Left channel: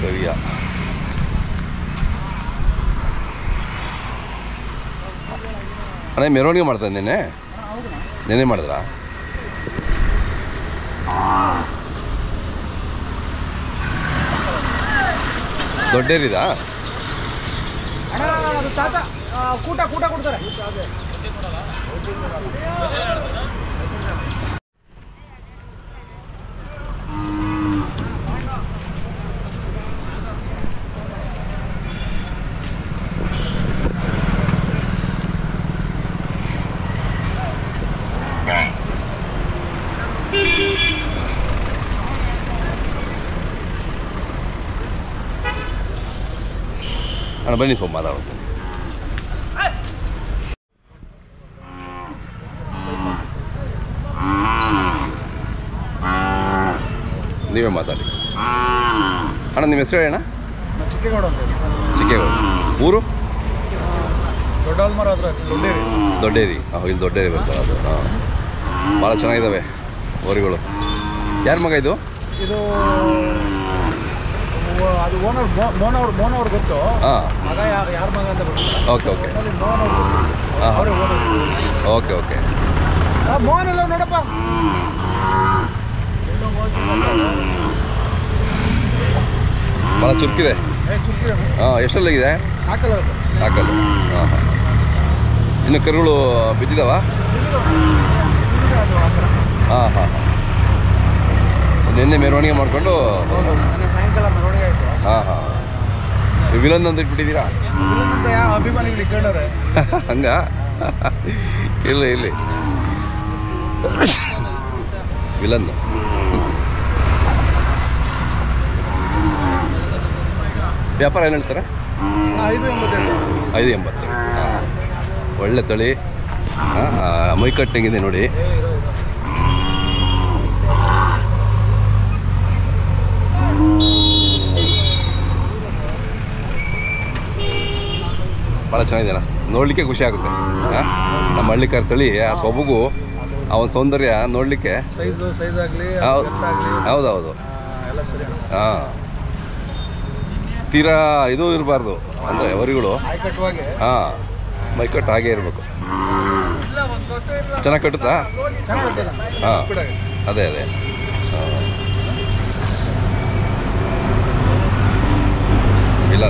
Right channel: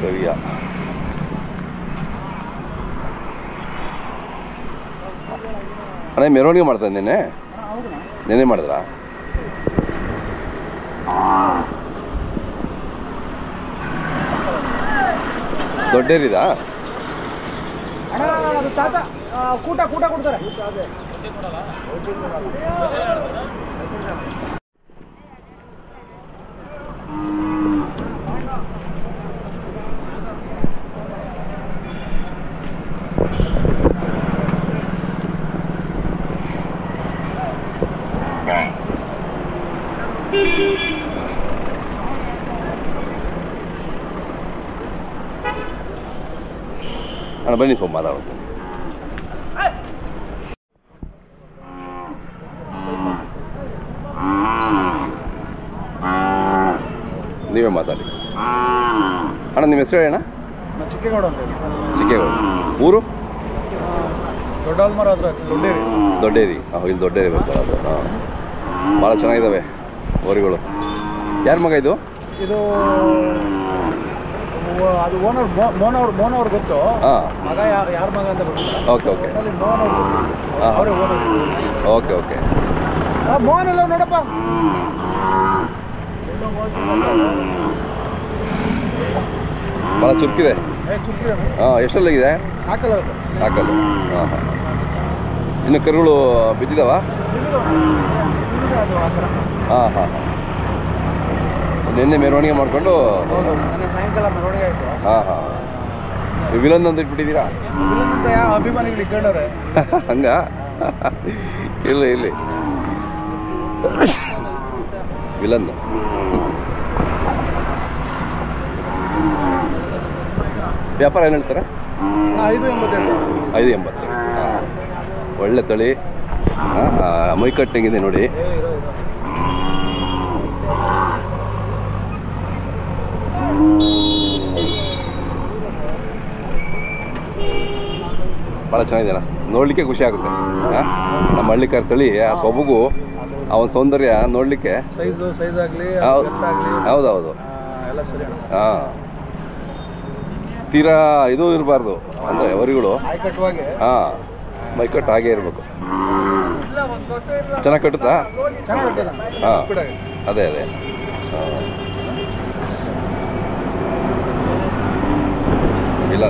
ಕರಿಯ ಅಣ್ಣ ಮೆರವಣಿಗೆ ಮಾಡ್ತಾರೆ ನೆನೆ ಮಾಡಿದ್ರಾ? ದೊಡ್ಡೇರಿದಾ? ಕೂಟ ಕೊಡ್ತಾರೆ. ಅಣ್ಣ ಬನ್ನಿ ಸ್ವಲ್ಪ ಮಾತಾಡ್ತೀನಿ. ನೀವೇ ಮಾತಾಡಿ ಅಣ್ಣ. ನಿಮ್ಮ ಹೆಸರು ಅಣ್ಣ? ಚಿಕ್ಕೇಗೌಡ ಅಂತ. ಚಿಕ್ಕೇಗೌಡ. ಊರು? ದೊಡ್ಡಾಲ್ಮರ ಹತ್ರ ದೊಡ್ಡೇರಿ. ದೊಡ್ಡೇರಿ. ಇಲ್ಲಿ ದೊಡ್ಡೇರಿ ಬರ್ತಾರೆ ಅದು. ಹಾಂ, ಭಾಳ ಚೆನ್ನಾಗಿದ್ದಾವೆ ಹೋರಿಗಳು. ಯಾರ ಮಗ ಇದು? ಇದು ಅದು ಓನರ್ ಮೋಹನ್ ಅವ್ರು ಗೊತ್ತು. ಹಾಂ, ಮಗ ಯಾರ ಮಗ ಅಂತ ಗೊತ್ತಿಲ್ಲ. Okay okay. ಮೋಹನ್ ಅವ್ರು ಅವರೇ ಓನರ್. Okay okay. ಮೋಹನ್ ಎಲ್ಲ ನೋಡಪ್ಪ. ಭಾಳ ಚುರುಕಿದೆ. ಹಾಂ, ಎಷ್ಟಲ್ಲಾಗಿದೆ? ಹಾಕಲ್ಲ. ಹಾಂ ಹಾಂ. ಇನ್ನು ಕರುಗಳು ಬಿದ್ದಿದ್ದಾವ? ಹಾಂ ಹಾಂ. ನಿನ್ನೆ ಮೆರವಣಿಗೆ ಮಾಡಿಕೊಂಡು ಸಾಯಂಕಾಲ ಮೆರವಣಿಗೆ ಆಯಿತು. ಹಾಂ ಹಾಂ. ವಿಲನ್ ಅಂತ ಇಟ್ಬಿಟ್ಟಿದ್ದೀರಾ? ಯಾವ ಅಭಿಮಾನಿಗಳು ಇಟ್ಕೊಂಡವ್ರೆ ಹಂಗ? ಇಲ್ಲಿ ವಿಲನ್. ವ್ಯಾಪಾರ ಏನು ಹೇಳ್ತಾರೆ? 580. ಹಾಂ, ಒಳ್ಳೆ ತಳಿ. ಮೈಕಟ್ಟಂಗಿದೆ ನೋಡಿ. ಭಾಳ ಚೆನ್ನಾಗಿದೆ ಅಣ್ಣ, ನೋಡಲಿಕ್ಕೆ ಖುಷಿ ಆಗುತ್ತೆ. ನಮ್ಮ ಹಳ್ಳಿಕಾರ ತಳಿ ಆ ಸೊಬಗು, ಅವನ ಸೌಂದರ್ಯ ನೋಡಲಿಕ್ಕೆ. ಹೌದೌದು. ಹಾಂ, ತೀರಾ ಇದು ಇರಬಾರ್ದು ಅಂದರೆ ಅವರಿಗಳು. ಹಾಂ, ಮೈಕಟ್ಟು ಹಾಗೆ ಇರಬೇಕು. ಚೆನ್ನಾಗಿ ಕಟ್ಟುತ್ತಾ? ಹಾಂ, ಅದೇ ಇಲ್ಲ.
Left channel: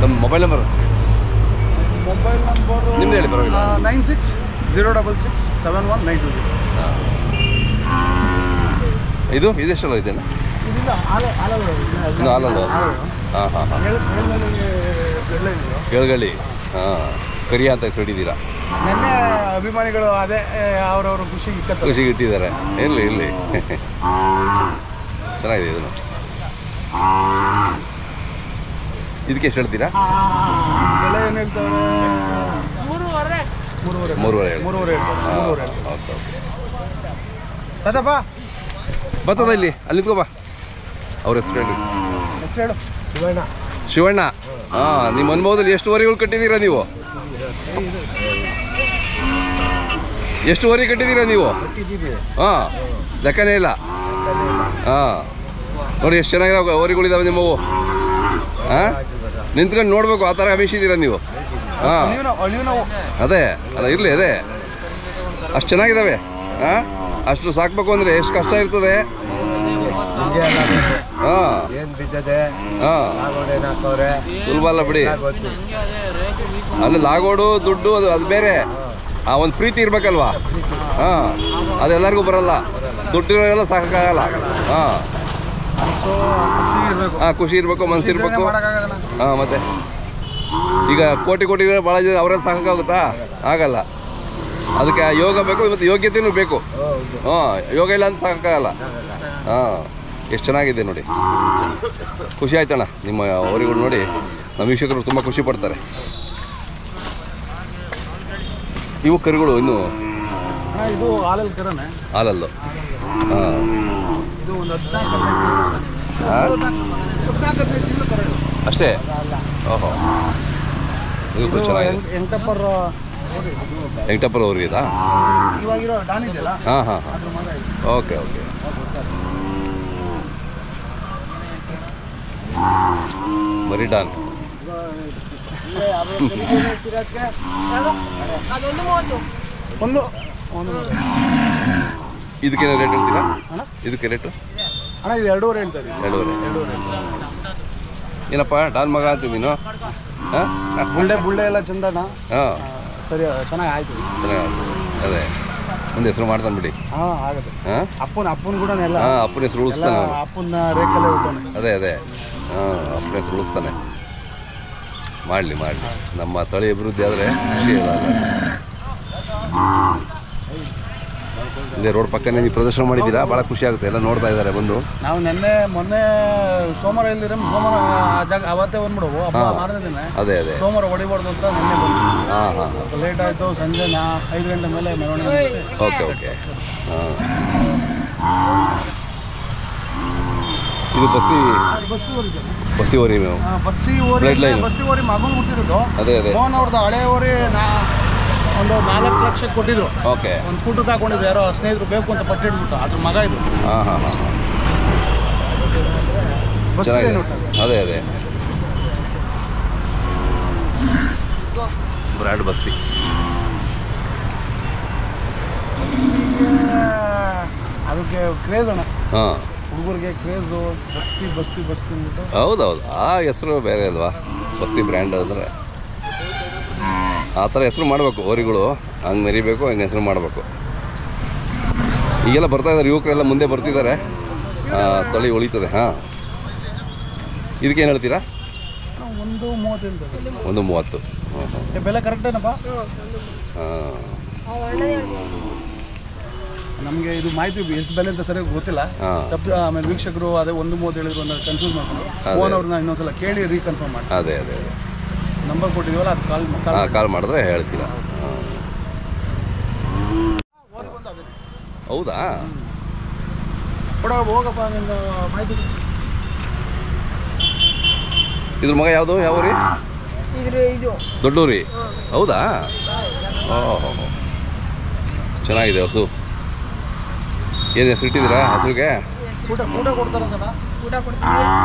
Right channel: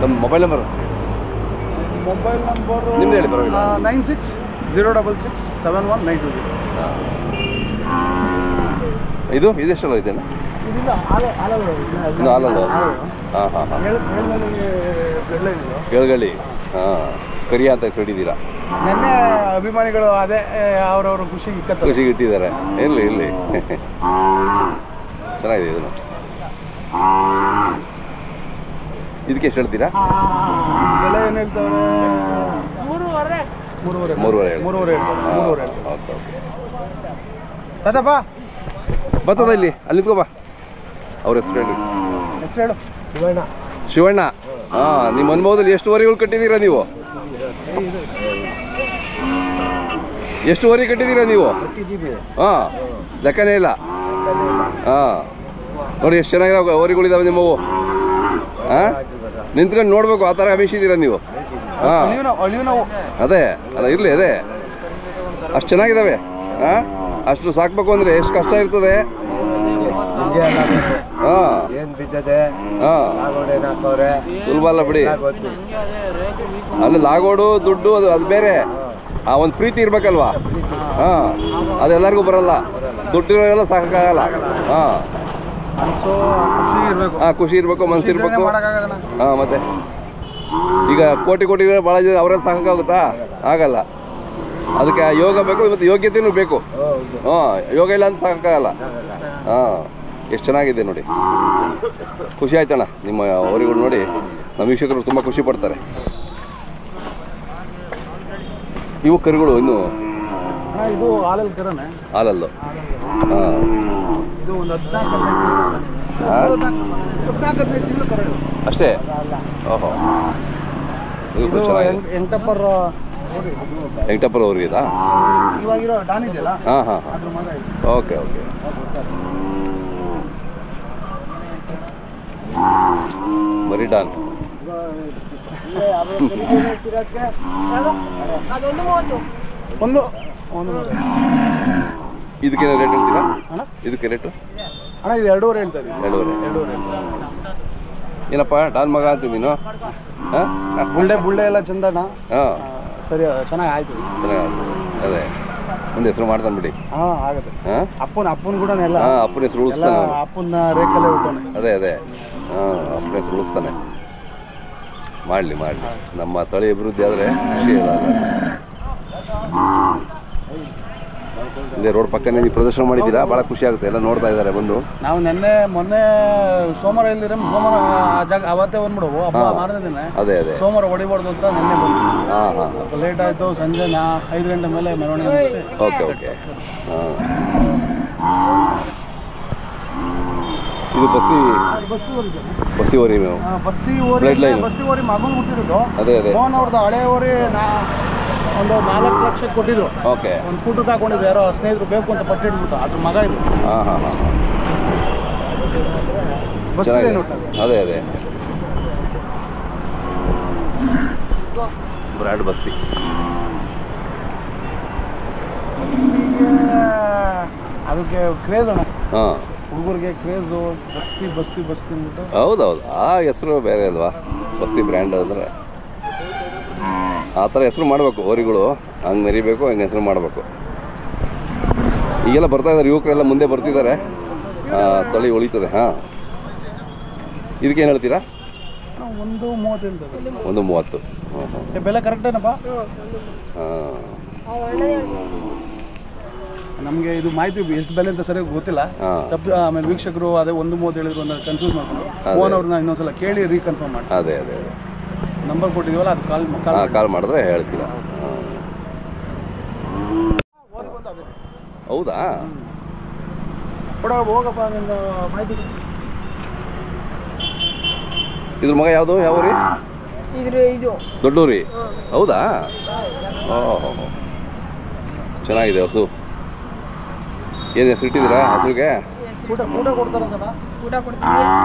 ನಮ್ಮ ಮೊಬೈಲ್ ನಂಬರ್ ನಿಮ್ದು ಹೇಳಿ, ಪರವಾಗಿಲ್ಲ. 9606671920. ಇದು ಎಷ್ಟಲ್ಲ ಇದೆ? ಇನ್ನು ಹಾಲಲ್ಲ. ಹಾಂ ಹಾಂ ಹಾಂ. ಕೇಳ್ಗಳಿ. ಹಾಂ, ಕರಿಯ ಅಂತ ಹೆಸರಿಟ್ಟಿದ್ದೀರಾ? ನೆನ್ನೆ ಅಭಿಮಾನಿಗಳು ಅದೇ ಅವ್ರವ್ರ ಖುಷಿಗೆ ಇಟ್ಟಿದ್ದಾರೆ. ಇರಲಿ ಚೆನ್ನಾಗಿದೆ ಇದನ್ನು. ಇದಕ್ಕೆ ಎಷ್ಟು ಹೇಳ್ತೀರಾ? ಬೆಲೆ ಏನು ಹೇಳ್ತಾರೆ? 3.5. ತಾತಪ್ಪ ಬರ್ತದ ಇಲ್ಲಿ, ಅಲ್ಲಿ ನಿಂತ್ಕೋ. ಅವ್ರ ಹೆಸರು ಹೇಳು. ಶಿವಣ್ಣ. ಹಾಂ, ನಿಮ್ಮ ಅನುಭವದಲ್ಲಿ ಎಷ್ಟು ವರಿಗಳು ಕಟ್ಟಿದ್ದೀರಾ ನೀವು? ಎಷ್ಟು ವರಿ ಕಟ್ಟಿದ್ದೀರಾ ನೀವು? ಹಾಂ, ಲೆಕ್ಕನೇ ಇಲ್ಲ. ಹಾಂ, ನೋಡಿ ಎಷ್ಟು ಚೆನ್ನಾಗಿರೋ ವರಿಗಳಿದ್ದಾವೆ ನಿಮ್ಮವು. ಹಾಂ, ನಿಂತ್ಕೊಂಡು ನೋಡ್ಬೇಕು, ಆ ಥರ ಅಭಿಷಿದ್ದೀರಾ ನೀವು. ಹಾಂ, ಅದೇ ಅಲ್ಲ, ಇರಲಿ ಅದೇ, ಅಷ್ಟು ಚೆನ್ನಾಗಿದ್ದಾವೆ. ಹಾಂ, ಅಷ್ಟು ಸಾಕಬೇಕು ಅಂದರೆ ಎಷ್ಟು ಕಷ್ಟ ಇರ್ತದೆ. ಹಾಂ, ಸುಲಭ ಅಲ್ಲ ಬಿಡಿ. ಅಲ್ಲಿ ಲಾಗೋಡು ದುಡ್ಡು ಅದು ಬೇರೆ. ಒಂದು ಪ್ರೀತಿ ಇರ್ಬೇಕಲ್ವಾ? ಹಾಂ, ಅದೆಲ್ಲರಿಗೂ ಬರಲ್ಲ. ದುಡ್ಡಿರೋರೆಲ್ಲ ಸಾಕಾಗಲ್ಲ. ಹಾಂ ಹಾಂ, ಖುಷಿ ಇರಬೇಕು, ಮನಸ್ಸಿರ್ಬೇಕು. ಹಾಂ, ಮತ್ತೆ ಈಗ ಕೋಟಿ ಭಾಳ ಜನ ಅವರೆಲ್ಲ ಸಾಕಾಗುತ್ತಾ? ಆಗಲ್ಲ. ಅದಕ್ಕೆ ಯೋಗ ಬೇಕು, ಮತ್ತು ಯೋಗ್ಯತೆಯೂ ಬೇಕು. ಹಾಂ, ಯೋಗ ಇಲ್ಲ ಅಂತ ಸಾಕಾಗಲ್ಲ. ಹಾಂ, ಎಷ್ಟು ಚೆನ್ನಾಗಿದೆ ನೋಡಿ. ಖುಷಿ ಆಯ್ತಣ್ಣ ನಿಮ್ಮ ಅವರಿಗಳು ನೋಡಿ. ನಮ್ಮ ವೀಕ್ಷಕರು ತುಂಬ ಖುಷಿ ಪಡ್ತಾರೆ. ಇವು ಕರುಗಳು ಇನ್ನು ಇದು ಹಾಲಲ್ಲಿ ಹಾಲಲ್ಲು. ಹಾಂ, ಇದು ಒಂದು 14 ಅಷ್ಟೇ. ಓಹೋ, ಇದು ಚೆನ್ನಾಗಿದೆ. ಎಂಟಪ್ಪರ್ ವೆಂಕಟಪ್ಪರ ಅವ್ರಿಗಿದಾ? ಇವಾಗಿರೋ ಡಾನ್ ಇದೆಯಲ್ಲ ಹಾಂ ಹಾಂ ಹಾಂ, ಅದ್ರ ಮಗ ಇದು. Okay okay. ಮರಿ ಡಾನ್. ಒಂದು ಒಂದು ಇದಕ್ಕೇನೋ ರೇಟ್ ಹೇಳ್ತೀರಾ? ಅಣ್ಣ ಇದಕ್ಕೆ ರೇಟು ಅಣ್ಣ ಇದು 2.5 ಹೇಳ್ತಾ ಇದ್ದೀವಿ. 2.5. ಏನಪ್ಪ ಡಾನ್ ಮಗ ಅಂತ ನೀನು? ಹಾಂ ಬುಳ್ಳೆ ಎಲ್ಲ ಚಂದನ. ಹಾಂ, ಸರಿ ಚೆನ್ನಾಗಿ ಆಯ್ತು. ಚೆನ್ನಾಗಿ. ಅದೇ ಒಂದು ಹೆಸರು ಮಾಡ್ತಾನೆ ಬಿಡಿ. ಹಾಂ ಆಗುತ್ತೆ. ಹಾಂ ಅಪ್ಪನ ಕೂಡ ಎಲ್ಲ ಹಾಂ, ಅಪ್ಪನ ಹೆಸರು ಎಲ್ಲ ಉಳಿಸ್ತಾನೆ. ಅಪ್ಪನ ರೇಖಲ್ಲೇ ಹುಟ್ಟೋನೆ. ಅದೇ ಹಾಂ, ಅಪ್ಪನ ಹೆಸರು ಉಳಿಸ್ತಾನೆ. ಮಾಡಲಿ ನಮ್ಮ ತಳಿ ಅಭಿವೃದ್ಧಿ ಆದರೆ ಖುಷಿ ಇಲ್ಲ. ಇಲ್ಲೇ ರೋಡ್ ಪಕ್ಕನೇ ನೀವು ಪ್ರದರ್ಶನ ಮಾಡಿದ್ದೀರಾ, ಭಾಳ ಖುಷಿ ಆಗುತ್ತೆ. ಎಲ್ಲ ನೋಡ್ತಾ ಇದ್ದಾರೆ ಬಂದು. ನಾವು ಮೊನ್ನೆ ಸೋಮವಾರ ಇಲ್ದಿರ ಸೋಮವಾರ ಜಾಗ ಅವತ್ತೇ ಬಂದ್ಬಿಡುವು ಹಬ್ಬ ಮಾರನೇ ದಿನ. ಅದೇ ಸೋಮವಾರ ಹೊಡಿಬಾರ್ದು ಅಂತ ನಿನ್ನೆ ಬಂದು. ಹಾಂ ಹಾಂ, ಲೇಟ್ ಆಯಿತು. ಸಂಜೆ 5 ಗಂಟೆ ಮೇಲೆ ಮೆರವಣಿಗೆ. ಓಕೆ ಹಾಂ. ಇದು ಬಸ್ಸಿ ಓರಿ ನೀವು? ಬಸ್ತಿ ಓರಿ ಮಗನ ಹುಟ್ಟಿರೋದು. ಅದೇ ಮೋಹನ್ ಅವ್ರದ್ದು ಹಳೆ ಓರಿ ಒಂದು 4 ಲಕ್ಷಕ್ಕೆ ಕೊಟ್ಟಿದ್ರು. ಓಕೆ. ಒಂದು ಕೂಟಕ್ಕೆ ಹಾಕೊಂಡಿದ್ರು, ಯಾರೋ ಸ್ನೇಹಿತರು ಬೇಕು ಅಂತ ಪಟ್ಟು ಹಿಡ್ಬಿಟ್ಟು. ಅದ್ರ ಮಗ ಇದು. ಹಾಂ ಹಾಂ ಹಾಂ, ಅದೇ ಬ್ರಾಡ್ ಬಸ್ತಿ. ಅದಕ್ಕೆ ಕ್ರೇಜ್ ಅಣ್ಣ, ಹಾಂ, ಹುಡುಗರಿಗೆ ಕ್ರೇಜು. ಬಸ್ತಿ ಅಂದ್ಬಿಟ್ಟು. ಹೌದೌದು, ಆ ಹೆಸರು ಬೇರೆ ಅಲ್ವಾ, ಬಸ್ತಿ ಬ್ರ್ಯಾಂಡ್ ಅಂದರೆ ಆ ಥರ ಹೆಸರು ಮಾಡಬೇಕು. ಓರಿಗಳು ಹಂಗೆ ಮೆರಿಬೇಕು, ಹಂಗೆ ಹೆಸರು ಮಾಡಬೇಕು. ಈಗೆಲ್ಲ ಬರ್ತಾ ಇದ್ದಾರೆ ಯುವಕರೆಲ್ಲ, ಮುಂದೆ ಬರ್ತಿದ್ದಾರೆ. ತಳಿ ಉಳಿತದೆ. ಹಾಂ, ಇದಕ್ಕೇನು ಹೇಳ್ತೀರಾ? 1.30 1.30. ಹಾಂ ಹಾಂ, ಬೆಲೆ ಕರೆಕ್ಟ್ ಏನಪ್ಪ? ಹಾಂ. ನಮಗೆ ಇದು ಮಾಹಿತಿ ಎಷ್ಟು ಬೆಲೆ ಅಂತ ಸರಿಯಾಗಿ ಗೊತ್ತಿಲ್ಲ. ಆಮೇಲೆ ವೀಕ್ಷಕರು ಅದೇ 1.30 ಹೇಳಿದ್ರು ಅಂತ ಕನ್ಫ್ಯೂಸ್ ಮಾಡ್ಕೊಂಡು ಫೋನ್ ಅವ್ರನ್ನ ಇನ್ನೊಂದ್ಸಲ ಕೇಳಿ ರೀಕನ್ಫರ್ಮ್ ಮಾಡಿ. ಅದೇ ನಂಬರ್ ಕೊಟ್ಟಿದ್ದೀವಲ್ಲ, ಅದು ಕಾಲ್ ಮಾಡಿದ್ರೆ ಹೇಳ್ತೀರಾ? ಹೌದಾ? ಹೋಗಪ್ಪ ನಿನ್ನ ಮಾಹಿತಿ. ಇದ್ರ ಮಗ ಯಾವುದು? ಯಾವ ಊರಿ? ದೊಡ್ಡೂರಿ. ಹೌದಾ? ಓಹೋ, ಚೆನ್ನಾಗಿದೆ ಹಸು. ಏನು ಹೆಸರು ಇಟ್ಟಿದ್ದೀರಾ ಹಸುಗೆ? ಊಟ ಕೊಡ್ತಾರಂತ.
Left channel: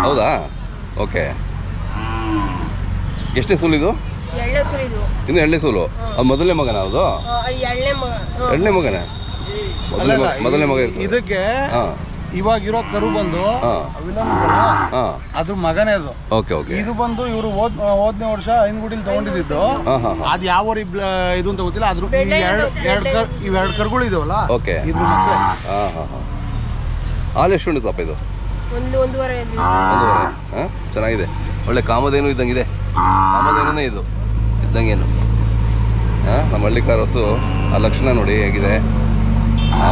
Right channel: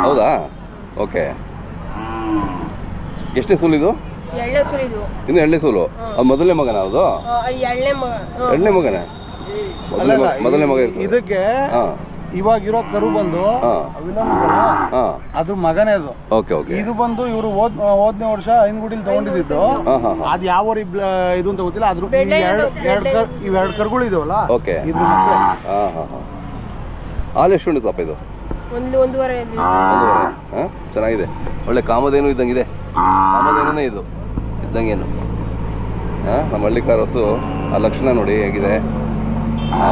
ಹೌದಾ? ಓಕೆ. ಎಷ್ಟೇ ಸೂಲು ಇದು? ಇನ್ನು 2ನೇ ಸೂಲು. ಅದು ಮೊದಲನೇ ಮಗನ? ಅದು 2ನೇ ಮಗನೇ? ಮೊದಲನೇ ಮಗ ಇರ್ತದೆ ಇದಕ್ಕೆ. ಇವಾಗಿರೋ ಕರು ಬಂದು ಅದ್ರ ಮಗನೇ ಅದು. Okay okay. ಇದು ಬಂದು ಇವರು ಹೋದನೇ ವರ್ಷ ಐನಗುಡಿಲಿ ತಗೊಂಡಿದ್ದು. ಅದು ಯಾವ ಇದು ಅಂತ ಗೊತ್ತಿಲ್ಲ. ಅದ್ರ ಇವೆರಡು ಕರುಗಳು ಇದಾವಲ್ಲ. ಓಕೆ. ಇದ್ರ ಮಕ್ಕಳು. ಹಾಲು ಎಷ್ಟು ಉಂಟಪ್ಪ ಇದು? 1.5. ಹಾಂ, ಚೆನ್ನಾಗಿದೆ. ಒಳ್ಳೆ ಕಾಮಧೇನು ಇದ್ದಂಗಿದೆ. ಕಾಮಧೇನೇ ಇದು ಇದ್ದಂಗೇನು. ಹಾಂ, ನಮ್ಮ ಹಳ್ಳಿಕಾರ ಹಸು. ಆ ಲಕ್ಷಣ ನೋಡಿ ಹೇಗಿದೆ. ಆ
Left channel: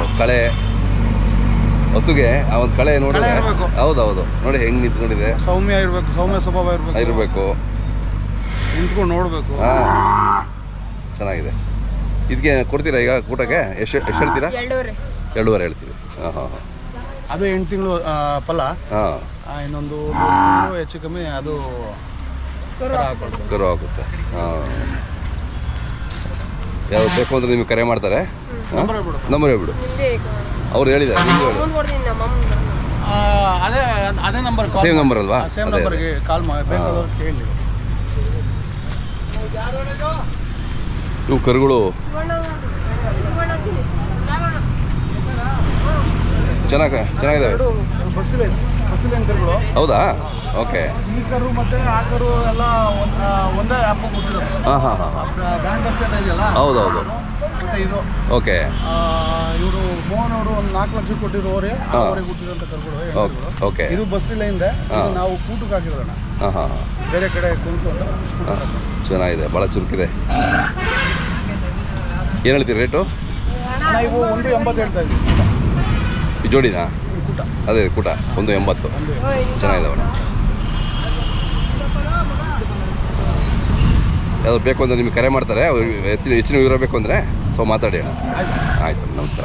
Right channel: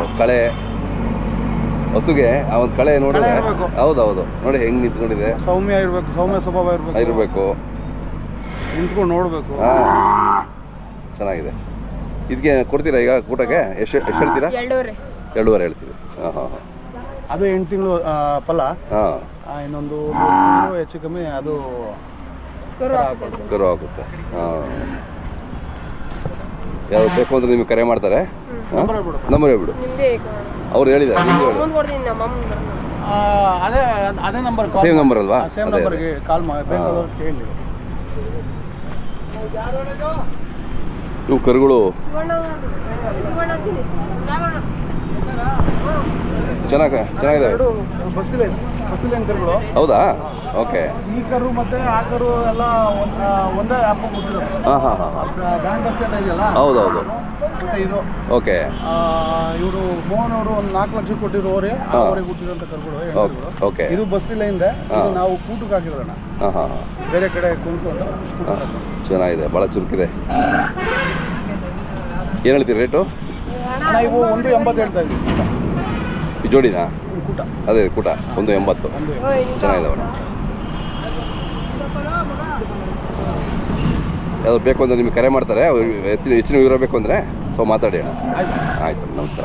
ಒಂದು ಕಳೆ ಹಸುಗೆ, ಆ ಒಂದು ಕಳೆ ನೋಡಿ. ಹೌದೌದು, ನೋಡಿ ಹೆಂಗೆ ನಿಂತ್ಕೊಂಡಿದೆ. ಸೌಮ್ಯ ಸ್ವಭಾವ ಇರಬೇಕು. ನಿಂತ್ಕೊಂಡು ನೋಡಬೇಕು. ಹಾಂ, ಚೆನ್ನಾಗಿದೆ. ಇದಕ್ಕೆ ಕೊಡ್ತೀರಾ ಈಗ ಊಟಕ್ಕೆ? ಎಷ್ಟು ಹೇಳ್ತೀರಾ? 2.5 ಹೇಳ್ತೀವಿ. ಹಾಂ ಹಾಂ ಹಾಂ. ಅದು 8 ತಿಂಗಳು ಫಲ. ಹಾಂ, ಇನ್ನೊಂದು ಹೆಚ್ಚು ಕಮ್ಮಿ ಅದು ಕರು ಆಗುತ್ತೆ. ಹಾಂ, ಯಾವ್ದು ಬೇಕು ಅಂದರೆ ನಿಮಗೆ ಕರೆ ಮಾಡ್ತಾರೆ. ನಂಬರ್ ಹೇಳ್ಬಿಡು. ಅವ್ರು ಹೇಳಿದ್ದಾರೆ. ಅದೇ ನಂಬರ್. ಸೇಮ್ ನಂಬರ್ ಅಲ್ವಾ? ಸೇಮ್ ನಂಬರ್ಗೆ ಕಾಲ್ ಮಾಡಿ ಕೇಳಿ. ಇವು ಕರುಗಳು ಚೆನ್ನಾಗಿದ್ದಾವೆ. ಕರುಗಳು. ಹೌದಾ? ಓಕೆ. ಈ ಕರು ಮತ್ತೆ ಆ ಕರು ಎಲ್ಲ ಒಂದೇ ಹಬ್ಬ ಕೊಟ್ಟಿರೋದು. ಹಾಂ ಹಾಂ ಹಾಂ, ಬ್ಯಾಂಕ್ ಅಷ್ಟೇ ಇದೆಯಲ್ಲ. ಹೌದೌದು. ಮತ್ತೆ ಇದು ಓಕೆ. ಇವರು ಮೋಹನ್ ಅವರು ಒಂದು 4 ಲಕ್ಷ ಕೊಟ್ಟಿರೋ ಅವರಿಗೆ ಹುಟ್ಟಿರೋಂಥ ಕರುಗಳು. ಓಕೆ. ಇದು ಬಸ್ತಿಲೆಯಿಂದ ನಾವು ಕೂಟಕ್ಕೆ ಹಾಕಿರೋಣ. ಹಾಂ ಹಾಂ ಹಾಂ, ಬೇರೆ ಕಡೆ ಕುಂತ್ಕೊಂಡು. ಚೆನ್ನಾಗಿದೆ, ಭಾಳ ಚುರುಕಿದೆ. ಏನು ಹೇಳ್ತೀರಿ ರೇಟು? ಇವು 1.80 ಹೇಳ್ತಾ ಇದ್ದೀವಿ. ಈ ಜೋಡಿನಾ? ಕೂಟ. ಅದೇ ಕೂಟ 1.80. ಚೆನ್ನಾಗಿದ್ದಾವೆ. ಯಾವ್ದು ಬೇಕು ಅಂದರೆ ನಿಮಗೆ ಕರೆ ಮಾಡ್ತಾರೆ. ಹೆಚ್ಚಿನ ವಿವರ ಬೇಕು ಅಂದರೆ ಮಾತಾಡಿ. ಆಯಿತು, ನಮಸ್ಕಾರ.